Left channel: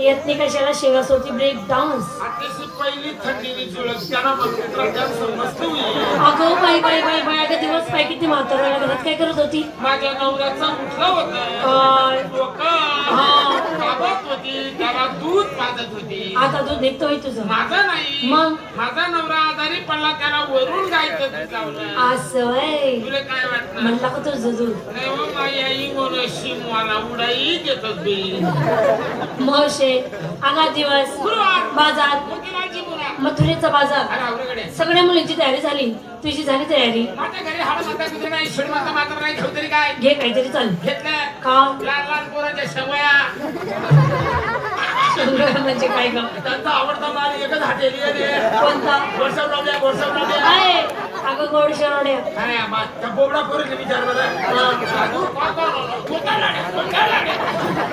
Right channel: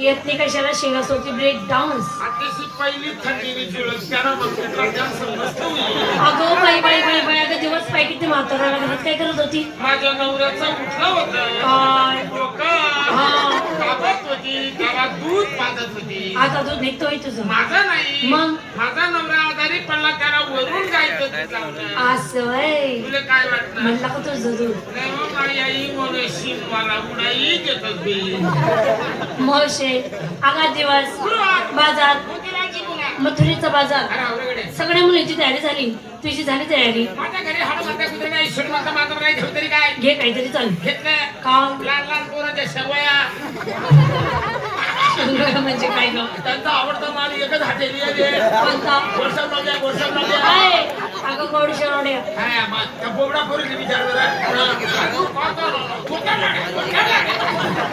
येतनी कशाला शेंगा सोती ब्रेक डान्स. आताशी पहिली थंडीने जुळत त्याला प्रकार समजतो. अगं बाई बाई बाई बाई अगं दिवस पाय किती म्हातारा घरात काय करत होती. माझ्या नवऱ्याचा उठला होता काय गावात होती त्याला दूध पाजत होती. आता दूध निघतोय तुझं. माझा नाही मग माझा नवरा आजारी पडला त्याला वरून गायचं दूध लावलं. असं आहे तुला काय वाटलं म्हणला का तुझं दूध. नाही हो, नाही आई म्हणून शिमवाला उडाई देत होती. म्हशे आगा दिवस बाजार मथुरेचा बाजार सगळ्या मुलींची तयारी झाली. तुझी झाली तयारी. माझ्या घरी हाड माता कुठे नाही ईश्वर माता मात्र नाही ठेव तरी काय घे काहीतरी चल. घेतलं का लहान लहान पोरांच्या सवया म्हणजे काय ग. त्यांचा आवडता माल एकच हॉटेल आहे. कोणता गोडसावला काय अगं गोड शेरोडे. काय त्या बोबडा पोरीने विचार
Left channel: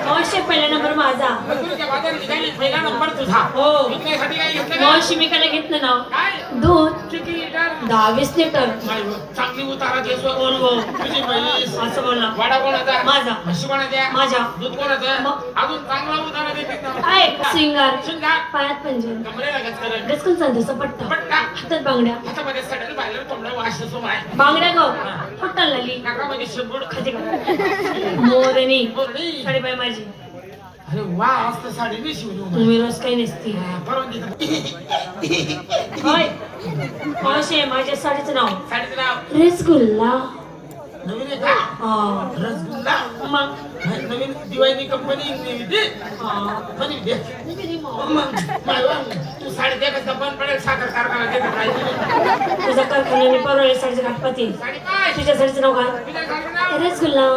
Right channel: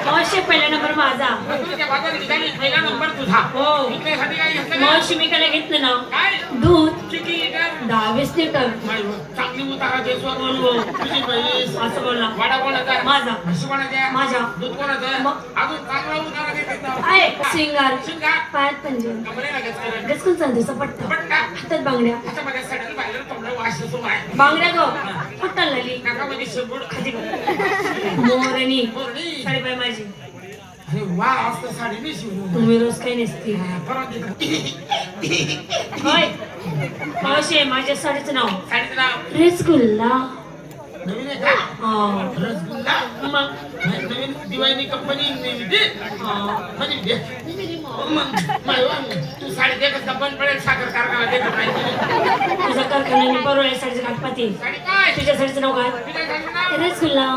मावशी पहिला नंबर माझा. नंबर तुझा हो मावशी मी काय घेतलं ना काय दूध किती लिटर 10-20 लिटर. चांगली उतारा देसो तुझी म्हैस असं बोलला. वाडा कोणाचा माझा. म्हशी कोणाच्या माझा. दूध कोणाचं मग? अजून चांगला उतारा देते काय सिंगार शिंगार पायात पंजन कमरेला गचकन डस्कून सांगतो सपट्टा पट्टा हातात बांगड्या हातामध्ये सडल बाहेर कोंबडा वास असतो बाहेर बांगड्या गो कुठं लाली नाकामध्ये शेंबूड मोरणी बोरणी. साडेपाय माझी. अरे वा आज तर साडी मी शिवलो तुम्ही रोज काही नसती. परवा होय मावशी माझ्या साडीचं नाव साडीचं नाव रसगुल्ला. नवीन आहे का हा रसगुल्ला मग नवीन दिवाळी कंपनी तू साडी दे का बंद पडेल साखर कारखाना दे तुझ्या कारखान्याने परवडे साडीचं काटपाती. साडी काय तुझ्या साडीचं नाव काय तुझ्या घालून नाव रसगुल्ला.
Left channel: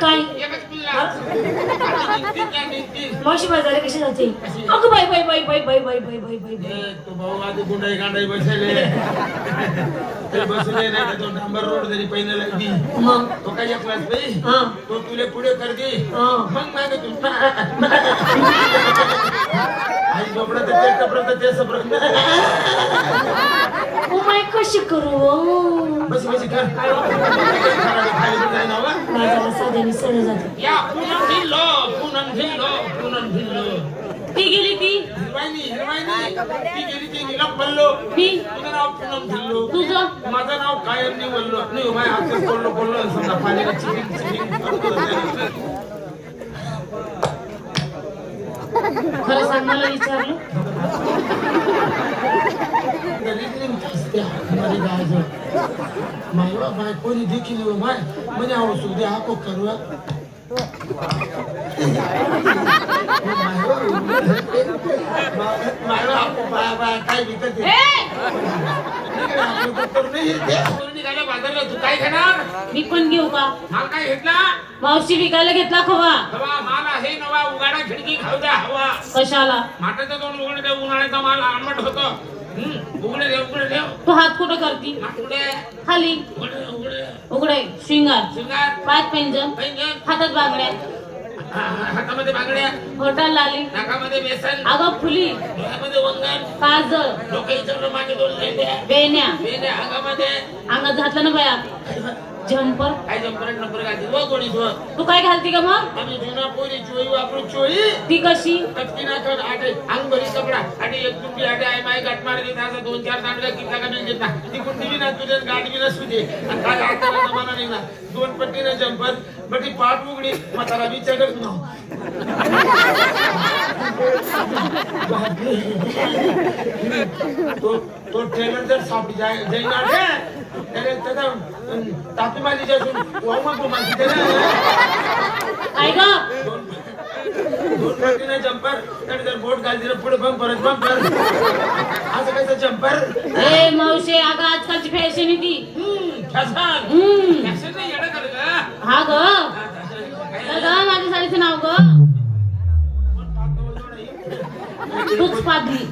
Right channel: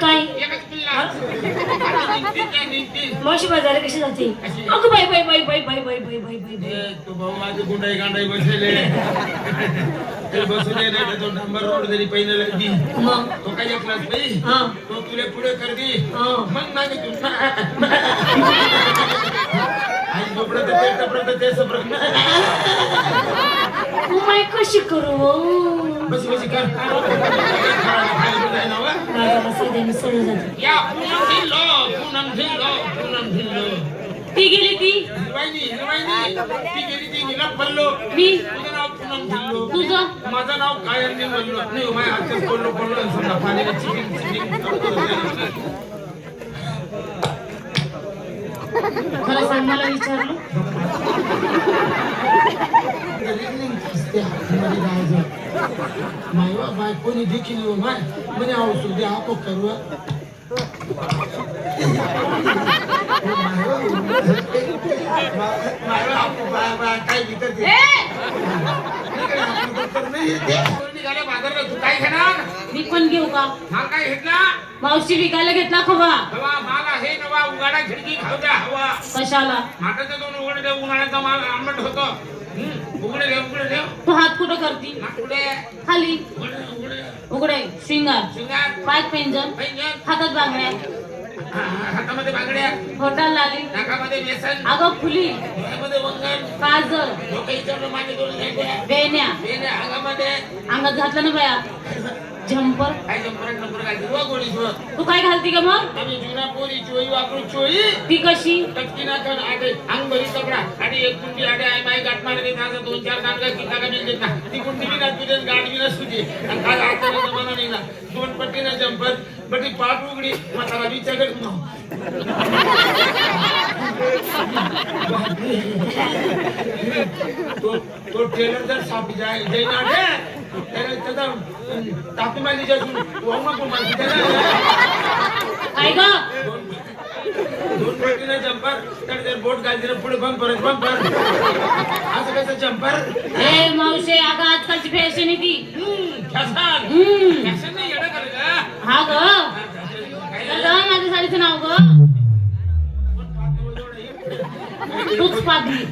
काय एकच पिल्ला मावशी बाजार कशी जाते. अगं बाई बाई बाई बाई बाई बाई बाई बाई बाई बाई. तो भाऊ माझी गुंडाई गांडाई बसले ते बसून नाही तो डांबर रोड जरी पहिला लागली मग तो काही एकलाच नाही हा तो तुले पुढे कर दे हा मग ना ग तू आई झोपडं तर ते टपडं तर ते सपडं ओ माय कशी करू बस बस कर माझ्या साध्याने सण जाते. या पुनम भिल्लो ती गेली ती हिरवाईनी ती गेली ती निला पडलो मी तुझं नाव पुनम भिल्लो तुझं माझं नाव कायम नाही बोललो नाही माझ्या हातात पडलो समजा पाण्याला चिकन खरं सांग मला विचारलं मायवा बाय कोणी देखील म्हणे औषध द्या आपण करूया काय विकत बाजारला तू काय घेणार मी पण घेऊ का. हा काय घेतला मावशी विकायला घेतला खवा. हवा माल आहे नवा उघाडा खिडकी खाऊ द्या हवा कशाला माठाचा दोन उघडे दे उन्हाळ्याचा माल आंबट होतो उघडे दे तू हात कुठं करती उघडे खाली उघडे उघडे शिंगार शिंगार पाच पेंजन पैंजण हातात बांगड्या हातामध्ये बांगड्या घोटाळ लाली नाकामध्ये बेसन अगं फुली डोक्यामध्ये वंगण काजळ डोक्याच्या मागे दोन लेंड्या बेण्या बेण्या अंगामध्ये अंगात घातलं ना बाया झंपर. काय जंपर नंबर घालते व कोणी जो तू काय घालती का मग आम्ही जुना पोरी चोई वापरू चोई ती कशी टक्कीना कर आटे अंगरी कपडा आणि एक कुंडी आटे आहे माय गाठ मार देत असं 2-4 नाटका किता का मिळत ना ती कुंडी बी ना तुझे गाठ बी नसुते आणि काय आटे जमाना नाही ना 2 पट्टीना जंपर बटी पाठ उघडी म्हातारा विचार तो ट्रेलर जर सापी जाय जाईना त्याने त्याचा तापी माझी जाऊन वरून तो माझी काय ग 2 पट्टीने जंपर तर जर बोट घालते पुढे बंपर असं कसं जंपर ए मावशे अगं आजकालची फॅशन आहे ती. फॅशन नाही येणं करे का हा ग माझ्या साडीचं नाव ग तूच पादली.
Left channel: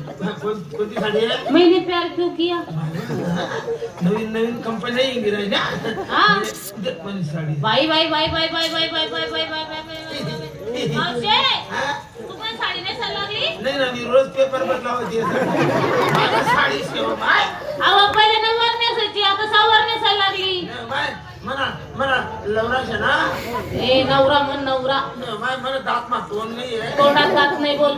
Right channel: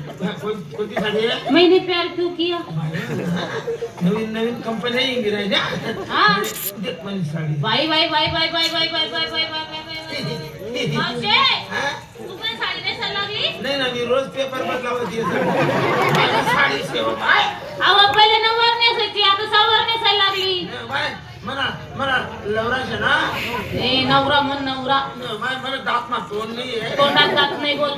कोणती साडी आहे मैंने प्यार क्यों किया. नवीन कंपनी इंग्रजी हा साडी बाई बाई बाई बाई बाई बाई बाई बाई बाई बाई बाई मावशे तू पण साडी नेसायला लागली. नाही ना मी रोज पेपर वर लावते साडी सेवा बाय अहो पहिले नऊवार नेसायची आता सहावार नेसायला लागली. बाय मला लवराश आहे ना ए नवरा म्हण नवरा मला दात ना तोंड नाही आहे तोंडात दात नाही बोल.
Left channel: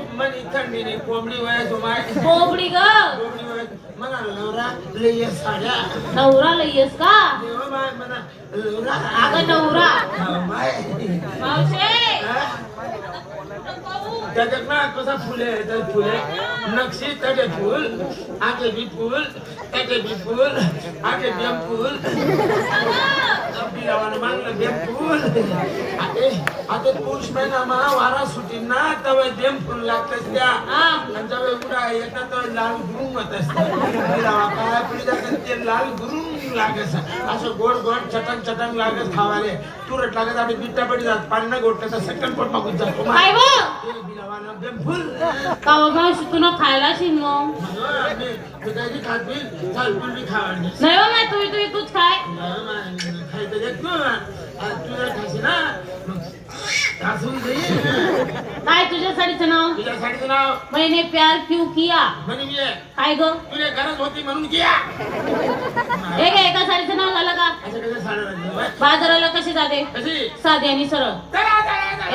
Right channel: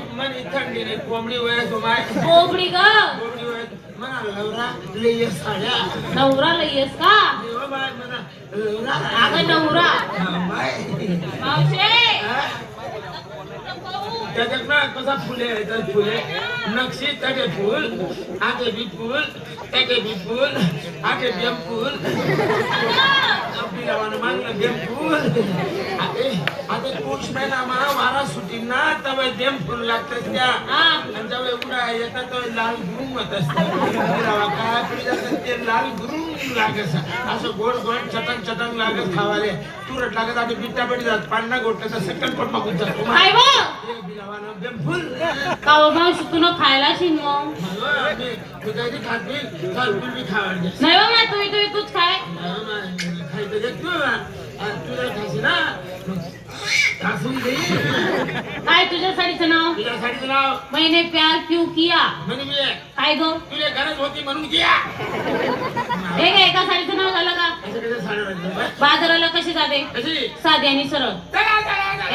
थंडीने कोंबडी वयाचो माय कोंबडी ग कोंबडी वयाचो म्हणा नवरा लय साड्या नवरा लयस का देवा माय म्हणा नवरा अगं नवरा माय मावशे त्याच्यात ना कसा फुले तर फुले नक्षी तडे फूल आगे भी फूल त्याचे भी फूल आगे बेम फूल बिलावानं मानलं बेम फूल आता पुरुष महिना म्हणा वारा सुटी ना तवे बेम फूल लागतात त्या आणि जेव्हा उडा येतात तर लाल गुरुंग होत असतात बिलावा काळा पुढे जातात ते लाल गुरुंग लागत असं गोड गोड चटक चटक लागत खावाले तुरट लागत आता बिट्टा पडी जात पाण्या गोटचा सेकंड पण मागून जातो काय बिलावानं बेम फूल का मावशी तू न खायला शिन मग दुधाची खाती तुझी खावायची नाही बाबा तूच खाय खायचं देत तुला खायचं ना काय तुझ्या साडीचं नाव तुझ्या साडीचं नाव मैंने प्यार क्यों किया म्हणे मी काय ग तुला गरज होती म्हणून किया हे काय एका साडीचं नाव झालं का असं कसं साडं बाजाराला कशी जाते कशी साधी आणि सरळ चला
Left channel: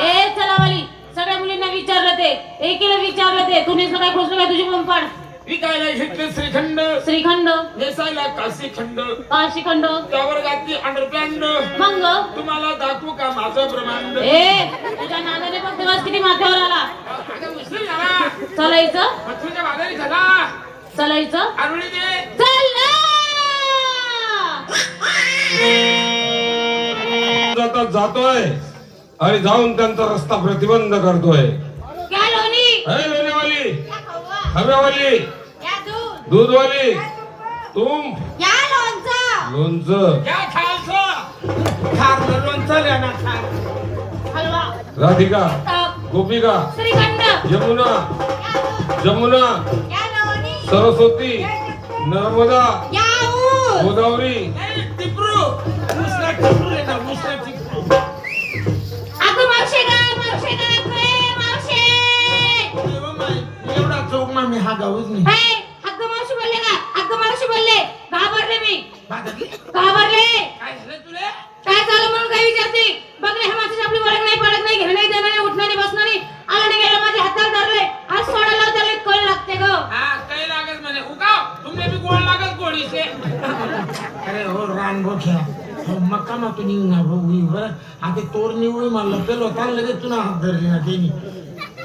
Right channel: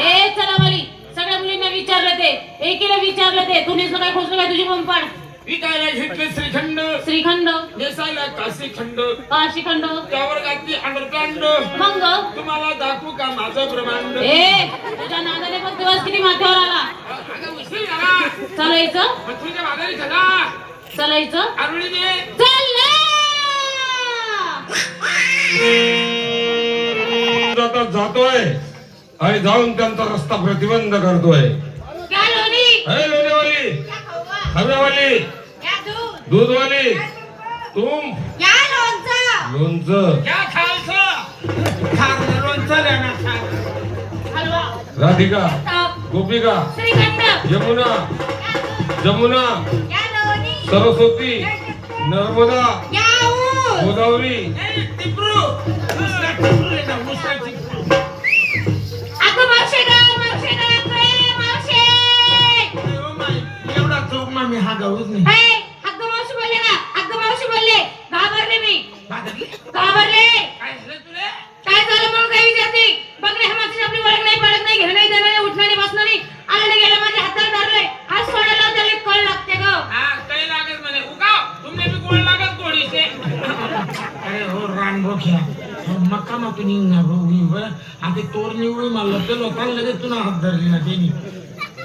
ए चला वाली सगळ्या मुलींना विचारलं ते एकीला विचारलं ते तुझीच काय खोसलं काय तुझी पंपाड विकायला घेतले श्रीखंड श्रीखंड नेसायला काशीखंड काशीखंड त्यावर घातली अंडरपॅन्ड मग तुम्हाला दाखवू का माझं ब्रह्मांड ए तुझ्या नादाने पण दिवस किती माथ्यावर आला अगं उशीर झाला चलायचं पत्रिका माघारी झाला चलायचं आरुळीने जातात जातोय आणि जाऊन त्यांचा रस्ता प्रतिबंध करतोय. अरे लोणीवाली, हव्यावाली, दूधवाली, तुम लोणचं, क्या खायचं खार लोणचं द्या ना खार राधिका, गोपिका, यमुना, जमुना, सरस्वती, नर्मदा, गोदावरी, टिपरू मुसला टिपरू लेना मुसला टिपरू एवढा चौक ना मी हा गाऊच नाही घाबरले काय झालं तुले काय झालं म्हणून काही विचारते बघ रे हा माणूस आपली ओळख नाही पडत नाही घेणं नाही देणं नाही उठणं नाही बसणं नाही आलं गेलं माझ्या हातात धरले हात सोडायला त्याला कळ लागते ग हा काही लागत म्हणे उगाव तुमने भी कोण लागत गोळीचे अरे हो रान बोख्या मक्का मग निघणार भाऊ बरं आता तोर निवडू मला पेलो त्याला लगेच तुला हात धरली ना त्यांनी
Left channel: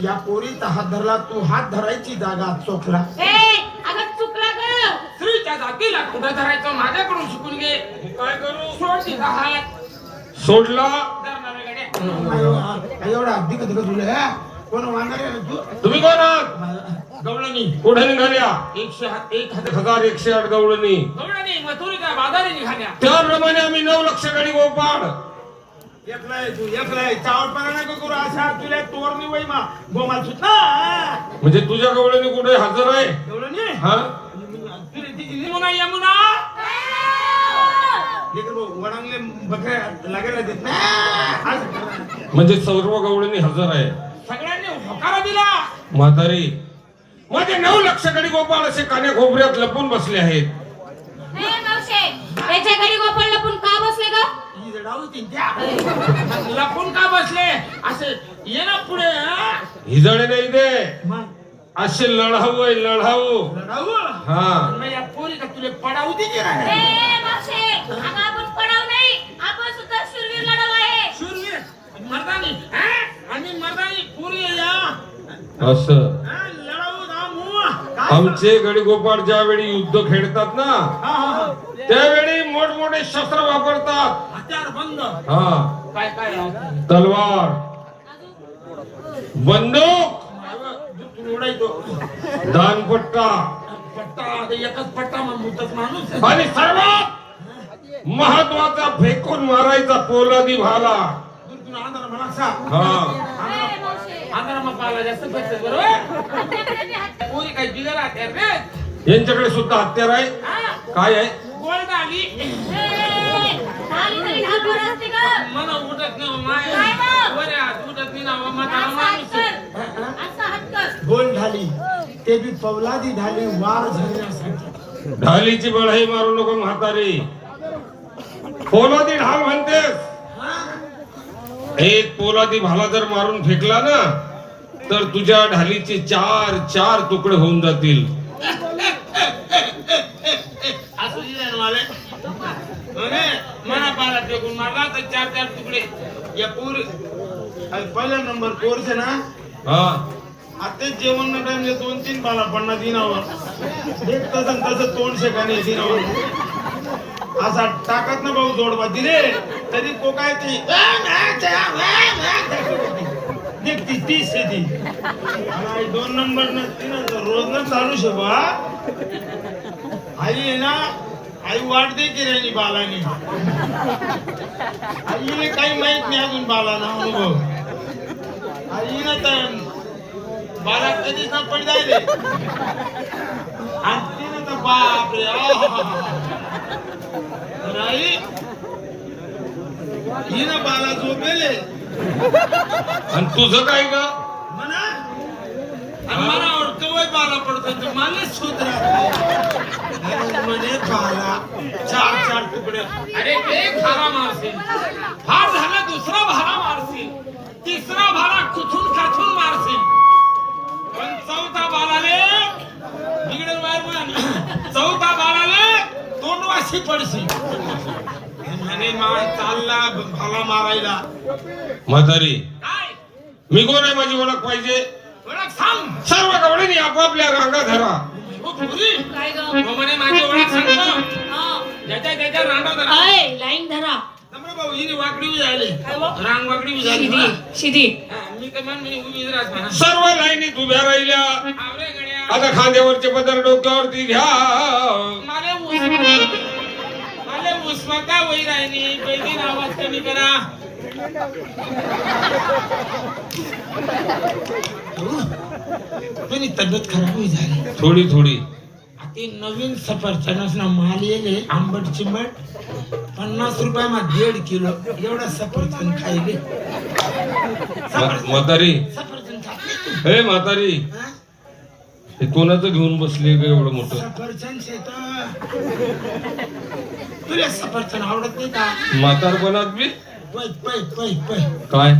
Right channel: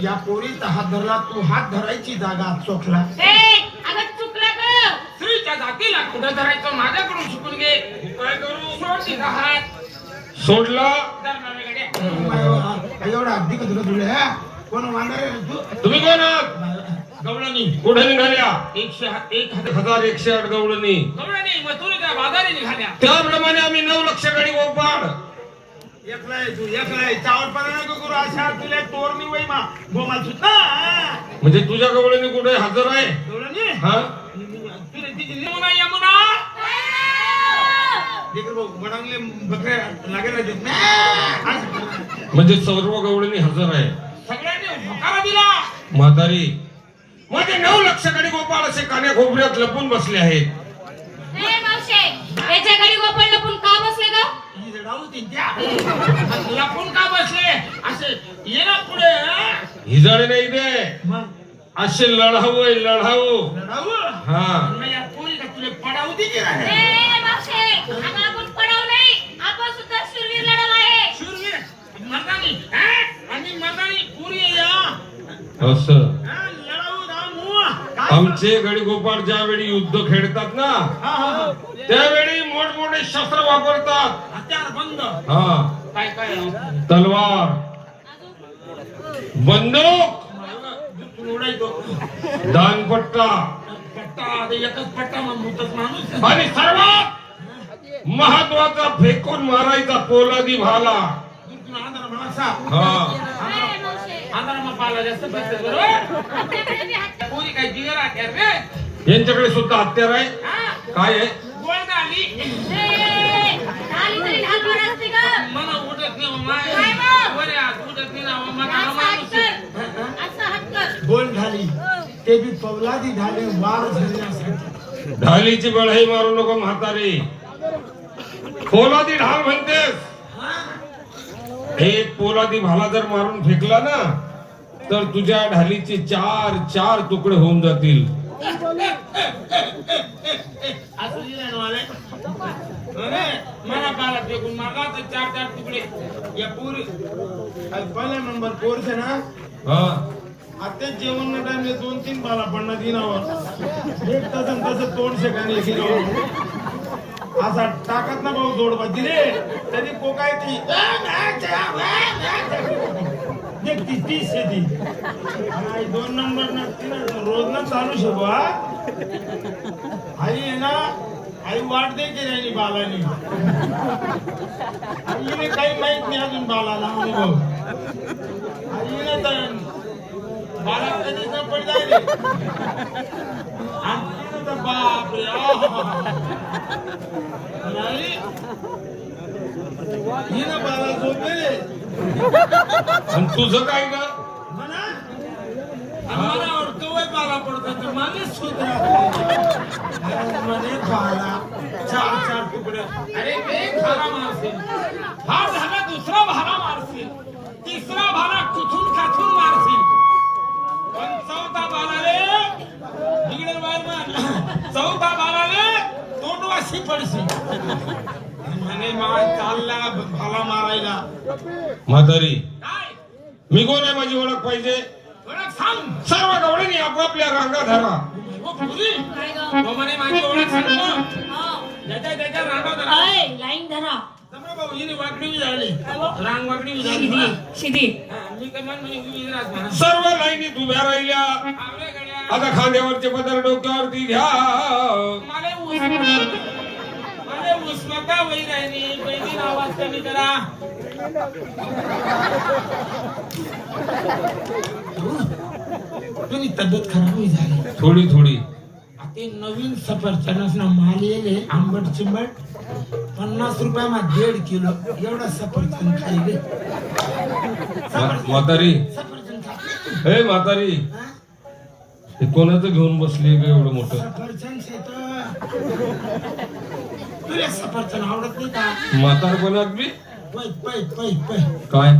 या पोरीचा हात धरला तू हात धरायची जागा चोखला अगं चुकला ग स्त्रीच्या जातीला कुठं धरायचं माझ्याकडून शिकून घे काय करू सोड तिचा हात सोडला. एवढा अगदी कधी तुला कोण वांगरे तुम्ही कोण आहात? गवळणी कुठे निघाल्या? 1,108 गवळणी. गवळणी मथुरीच्या बाजारी निघाल्या त्याप्रमाणे आम्ही 9 लक्ष गडी गोपाळ एकलाय तू एकलाय चावट परा नको करू अशा तुला तोरणी वय मा गोमाल सुद्धा म्हणजे तुझ्या गवळणी कुठे हजर आहे? गवळणी हा तुला तिची यमुना यमुना देखो वडांगले बकऱ्या लागेल देत नाही म्हणजे सर्व गवळणी हजर आहे. सगळ्यांनी होकारा दिला म्हातारी मध्ये 9 लक्ष गडी गोपाळ असे कान्या खोबऱ्यात लपून बसले आहेत. त्याच्या घरी गोपाळ लपून का बसले ग लपून का बसले असे ये ना पुढे हिजडे नाही दे असे लढावं लढावं हा मग या पोरी का तुला पडावू दे की नाही? आपण पडाव नाही आपण सुद्धा शूरवीर लढव आहे शूरवीर मर्दानी आणि मर्दानी पोरी या असं लढावू धामू आमचे गडी गोपाळ ज्यावेळी युद्ध खेळतात ना त्यावेळी मोठमोठे शस्त्र वापरतात. हत्यार बंद हा काय काय तलवार, बंदूक, उडायचो दानपट्टा पट्टा एकच पट्टा म्हणतोच माणूस आणि सर्वात महत्वाचा फेकून मारायचा पोलादी भाला. आधार म्हणासा हा आधार मग पाला जास्त खर्च बरोबर पोरी काही जिगर हत्यार रे यांच्याकडे सुद्धा हत्यार आहे. काय आहे? गोल्ड आली मला उठत नाही उठत नाही ना माणूस बोल झाली ते बी पवलादी झाली वार झाली ढालीची बळाई मारू नको म्हातारी. पोलादी ढाल म्हणतेस. एक पोलादी भाला जर मारून फेकला ना तर तुझ्या ढालीचे 4 तुकडे होऊन जातील. असं दिलं मला मला बाला फेकून मारला तर 4 तुकडे या पूर पहिला नंबर कोर्स आहे ना. हा आता जेवण न टाइमले 2-3 बाला पडणार दिनावर एक तसं तोंड शेकाने दिनावर असा टाकत ना भाऊ जोडबा दिले तरी तो काय ती देखती 30 ती आणि 2 नंबर नसती ना रोज न चालू शकवा. आई आहे ना आई वाट देते नाही बालाने. आईने काही माहित नाही अजून बालाला अनुभव. आईनं तर बाला कधीच न पड जायले आणि तिने तर बापरे नाही हिनं बाला झोपेले आणि तुझं काय ग? म्हणा मला कवय बाला पडतो तर मला शोध राहतो म्हणे बाला 4 तुकडे. अरे एक भाला मारशील हा झाला दुसरा भाला मारशील तिसरा भाला कुठून काठून मारशील पण चौथा बालाले बिघडल बाहेर चौथा बालाले तोंडवाशी पडशील. म्हणे मार चालला भाला मारायला. म्हातारी काय मी कोण आहे माझी ओळख पाहिजे. ओळख सांग. सर्व गवळणी आपापल्या रांगा धरा. ओ पुरी काय ग? हो म्हणे माझी ओळख सांगतो. हा. त्याच्या रांगा धरा. अय, लाईन धरा. तमरे भाऊ हिने वाकडी उभी झाली. काय हो? रांग वाकडी उभी झाली. शिदी हा, मी तर म्हण उभी राहत म्हणा. सर्व लाईनीत उभ्या राहिल्या. आवरे गड्या. आता खांद्यावरचे पदर डोक्यावरती घ्या. मला उस्माता वही राहिली पहिली आवाज कमी करा. तुम्ही तब्येत खराब होई झाली थोडी आता नवीन सफरचंदाचा माल येले आंबट चिंबट 50 रुपयामध्ये 1.5 किलो एवढा सफरचंद खायले. म्हातारी सफरचंद खाते. हे म्हातारी हा? हे कोणाचं घेऊन बसली ग एवढं मोठं. सफरचंद शेत तुला सफरचंद आवडत नाही का? म्हातार कोणात बी पै पै पै पै काय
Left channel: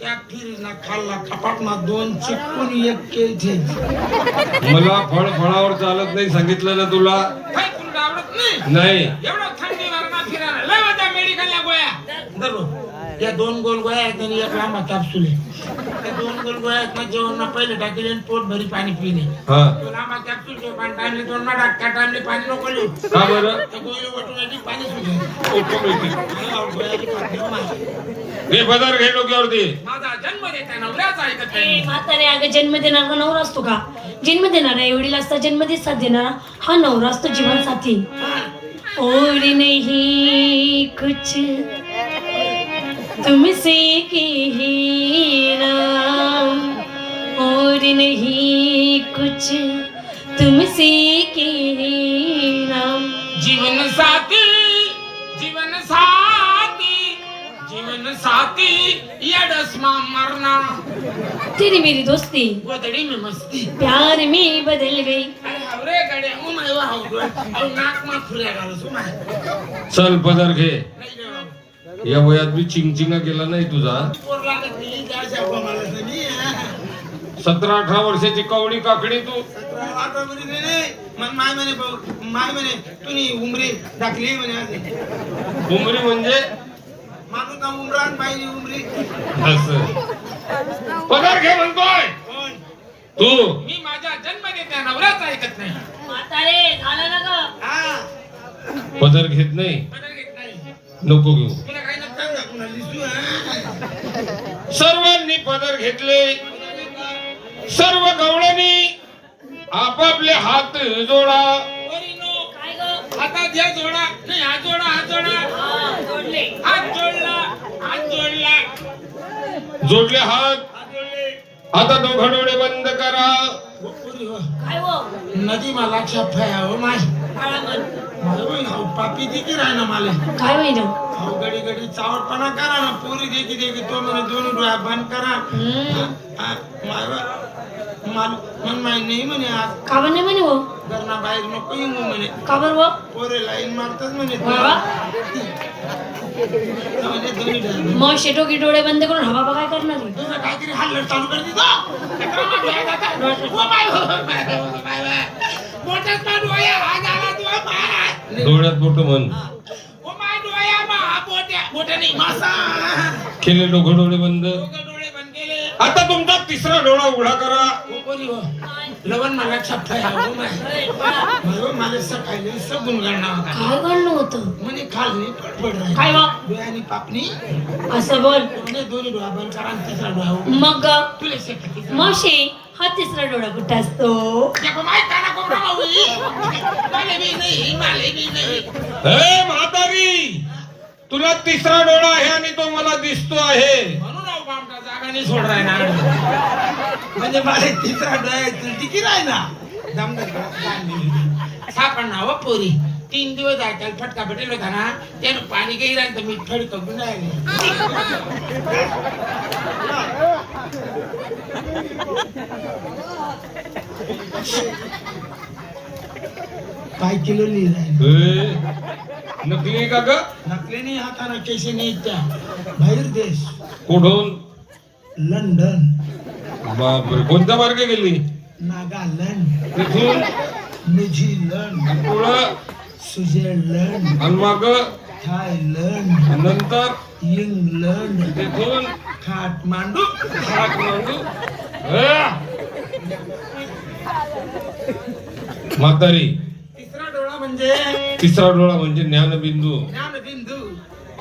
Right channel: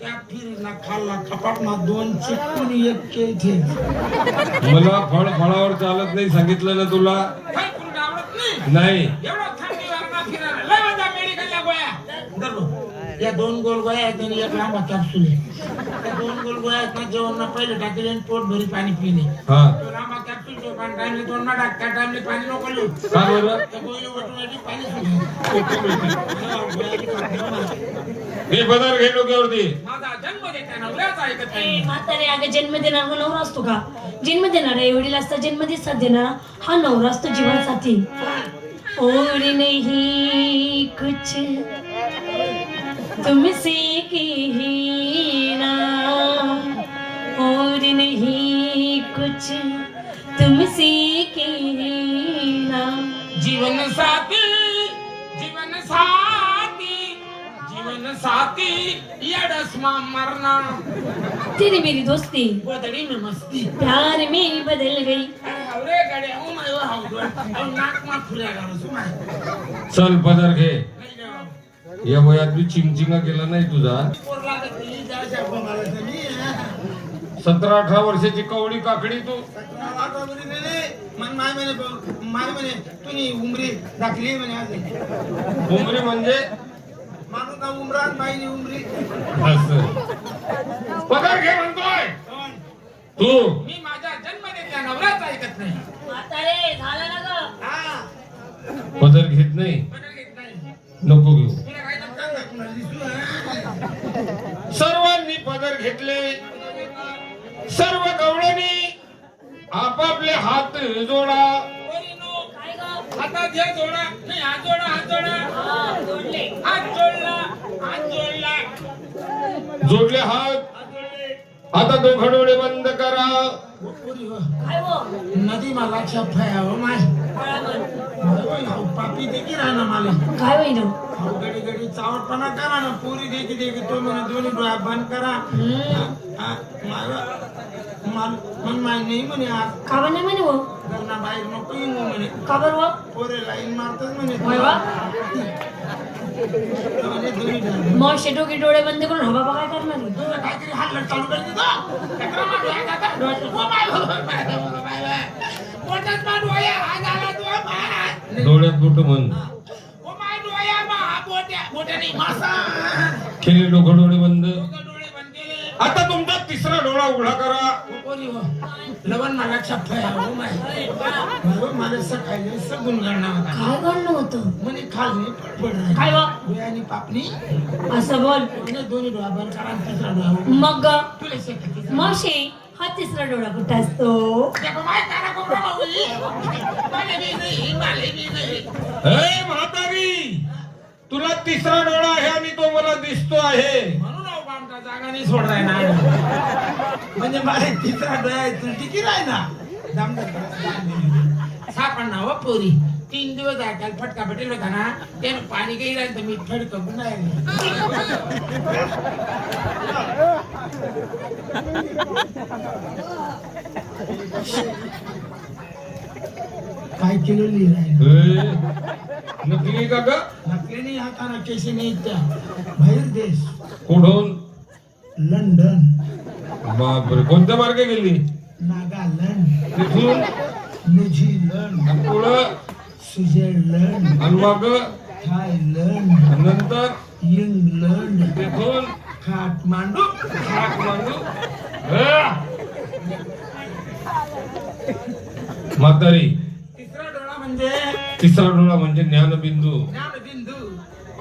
त्या फिरना खाल्ला कपाट ना 2 चिपकून 1 केलचे. मला फळावर चालत नाही सांगितलं ना तुला. काय तुला आवडत नाही? नाही एवढं थंडीवर ना फिरायला लय मजा मेडिकलच्या गोळ्या. धरो या 2 गोल गोळ्या आहेत आणि 1 लांबा कॅप्सूल आहे. त्या 2 गोल गोळ्या आहेत ना जेवण ना पहिले टाकले आणि पोट भरी पाणी पिले. हा तो लांबा कॅप्सूल जो पाणी टाकले 2 ना टाका टाकले पाणी नको लिहू. का बरं त्या गोळी वटून पाणी सुटले. हे पदर घे डोक्यावरती. माझा जन्म देता नवऱ्याचा ऐकत ए, नाही. म्हातारे अगं जन्म देणारा नवरा असतो का? जन्म देणारा आई वडील असता, जन्म साथ देणारा हा नवरा असतो जीवन साथी. और नहीं कुछ तुमसे कहना, और नहीं कुछ तुमसे कहना. जीवन साथी जीवन साथी जीवन साथी यडस्मा मरना तेरी मेरी दोस्ती गोदड़ी में मस्ती. प्यार में बदल गई. अरे गड्या ओ माय हाऊ औ नाक मा फुल्या घालू सुमाय. चल पदर घे. नाही देवा या वयात बी चिंगचिंगा केला नाही तुझा. पोर लागत नाही जायच्या कोणाला तरी 17-18 वर्षाची कवडी काकडी तू. आता बरी नाही मन माय म्हणे माय म्हणे तुम्ही उमरी दाखली म्हणे आज उमरी म्हणजे मानू का उमरान मायनी उमरी. असं पदर घे म्हणतोय कोण? तू. मी माझ्या जन्म देत्या नवऱ्याचा ऐकत नाही. म्हातारे झालं ना ग? हा पदर घेत नाही. बदल घेत नाही. नको घेऊ. तुला काही नसतं का? तुला दिसू हा? सर्वांनी पदर घेतले. सर्व गवळणी आपापले हात जोडा. वरीनो काय ग? हातात घ्या जोडा. नाही हात जोडा हात जोडा. हा, जोडले. हात जोडला हात जोडला जोडले हात. हात जोडले. आता दोघं डोळे बंद करा. काय हो? नदी मला छापाया हो माय. काय म्हण? हो पापी देखी राहना मला. काय होईन? हो गडी गडी चावटपणा करा ना पोरी देखी देखी तो म्हणे 2 डोळा बंद करा. हा, मन माय नाही म्हणे आज का म्हणे म्हणे हो? घरना बाहेर नको येऊ म्हणे. का बरं हो? पोरे लाईन मारतात म्हणे. बाबा? म्हणजे दोन्ही डोळे. मग शेटोकी डोळे बंद करून हवा बघा काय करणार आहे? तुला काहीतरी हल्लड चालू कर दिलं. मोठ्यात मा डोळ्या हा झाला तो मा. डोळ्यात मोठं म्हण ओ मा डोळ्या मा हा मोठ्या नाही मासा. केले डोळे बंद. डोळे बंद केले. आता तुमचा तिसरा डोळा उघडा करा. ओ पोरी हो. लवण मला छापता आहे. Oh my. मला सकाळी सगून गणना होता. काय घालणं होतं म्हणे खाली पडलं. काय वा डोळ्यानी पापणी. असं बोल. म्हणे दोन्ही डोळा बंद करा आणि तिसरा डोळा उघडा. मग तुला शेतात मावशी हा तिसरा डोळा कुठे असतो? हे म्हातारी, तुला तिसरा डोळा आहे आणि तो मला दिसतो आहे. जागा नाही सोडणार ना. म्हणजे मला तिसरा डोळा आहे तुझी की राही ना. सापडणार हो पोरी. 3 दिवस ऐकायला फटका भेटेल होता ना. त्यानं पाणी काही राहिलं तर मी फडक गुंडाळले. काय किलो लिहिलाय? नकली का ग? नकलीने हाताना केशी नाही त्या. बाहेर देश. कुठून? लंडन. बापरे, कोणत्या मार्गे गेली? नागालँड. तिथून? न्यूझीलंड. आणि पुढं? स्वित्झर्लंड. आणि मग थायलंड. नंतर इंग्लंड. तिथून काठमांडू. म्हातारी, तिसरा डोळा म्हणजे तिसरा डोळा म्हणजे ज्ञानबिंदू. ज्ञानबिंदू.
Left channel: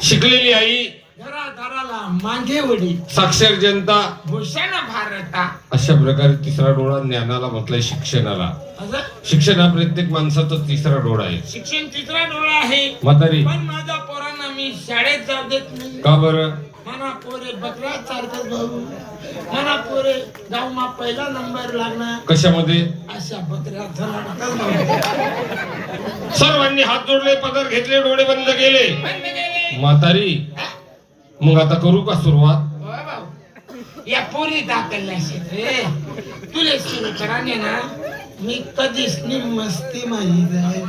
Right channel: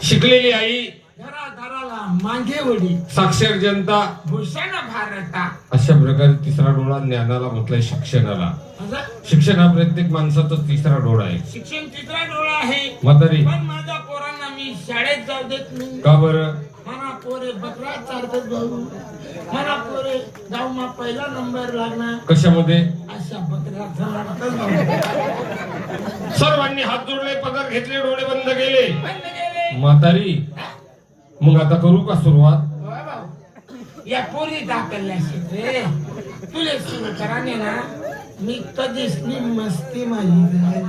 शिकलेली आई, घरादाराला मागे वडी. साक्षर जनता, भूषण भारता. अशा प्रकारे तिसरा डोळा ज्ञानाला म्हटलंय, शिक्षणाला. असं शिक्षण हा प्रत्येक माणसाचा तिसरा डोळा आहे. शिक्षण तिसरा डोळा आहे. म्हातारी, पण माझ्या पोरांना मी शाळेत जाऊ देत नाही. का बरं? मला पोरे बकरा चालतात भाऊ. मला पोरे गावमा पहिला नंबर लागणार. कशामध्ये? अशा बकऱ्या धराडतात भाऊ. सर्वांनी हात जोडले, पदर घेतले, डोळे बंद केले. बंद केले. म्हातारी, मग आता करू का सुरुवात? होय भाऊ. या पोरी दाखवल्या रे. तुले सुरू करा ने ना. मी कधीच नाही मस्ती माझी जाय.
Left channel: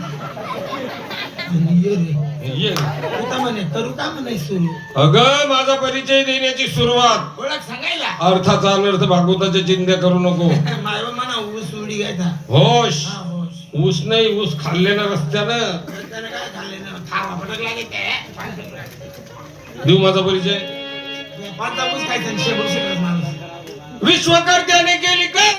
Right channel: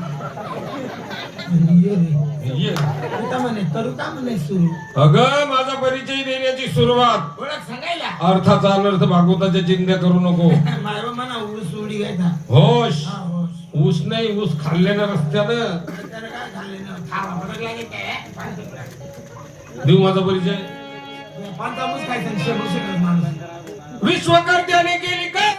आणि ये रे. ये. तुका म्हणे करू का म्हणे सुरू. अगं, माझा परिचय देण्याची सुरुवात. ओळख सांगायला. अर्थाचा अनर्थ भागवताच्या चिंध्या करू नको. माझ्या मना ऊस उडी घ्यायचा. होश. हा होश. ऊस नाही, ऊस खाल्ल्यानं रस्त्यानं. त्याला काय खाल्ले ना. खावा फटकला की ते. देऊ माझा परिचय. पंचामूस खायचं आणि शेबूस खायचं माणूस. विश्वकर्त्याने केली काय?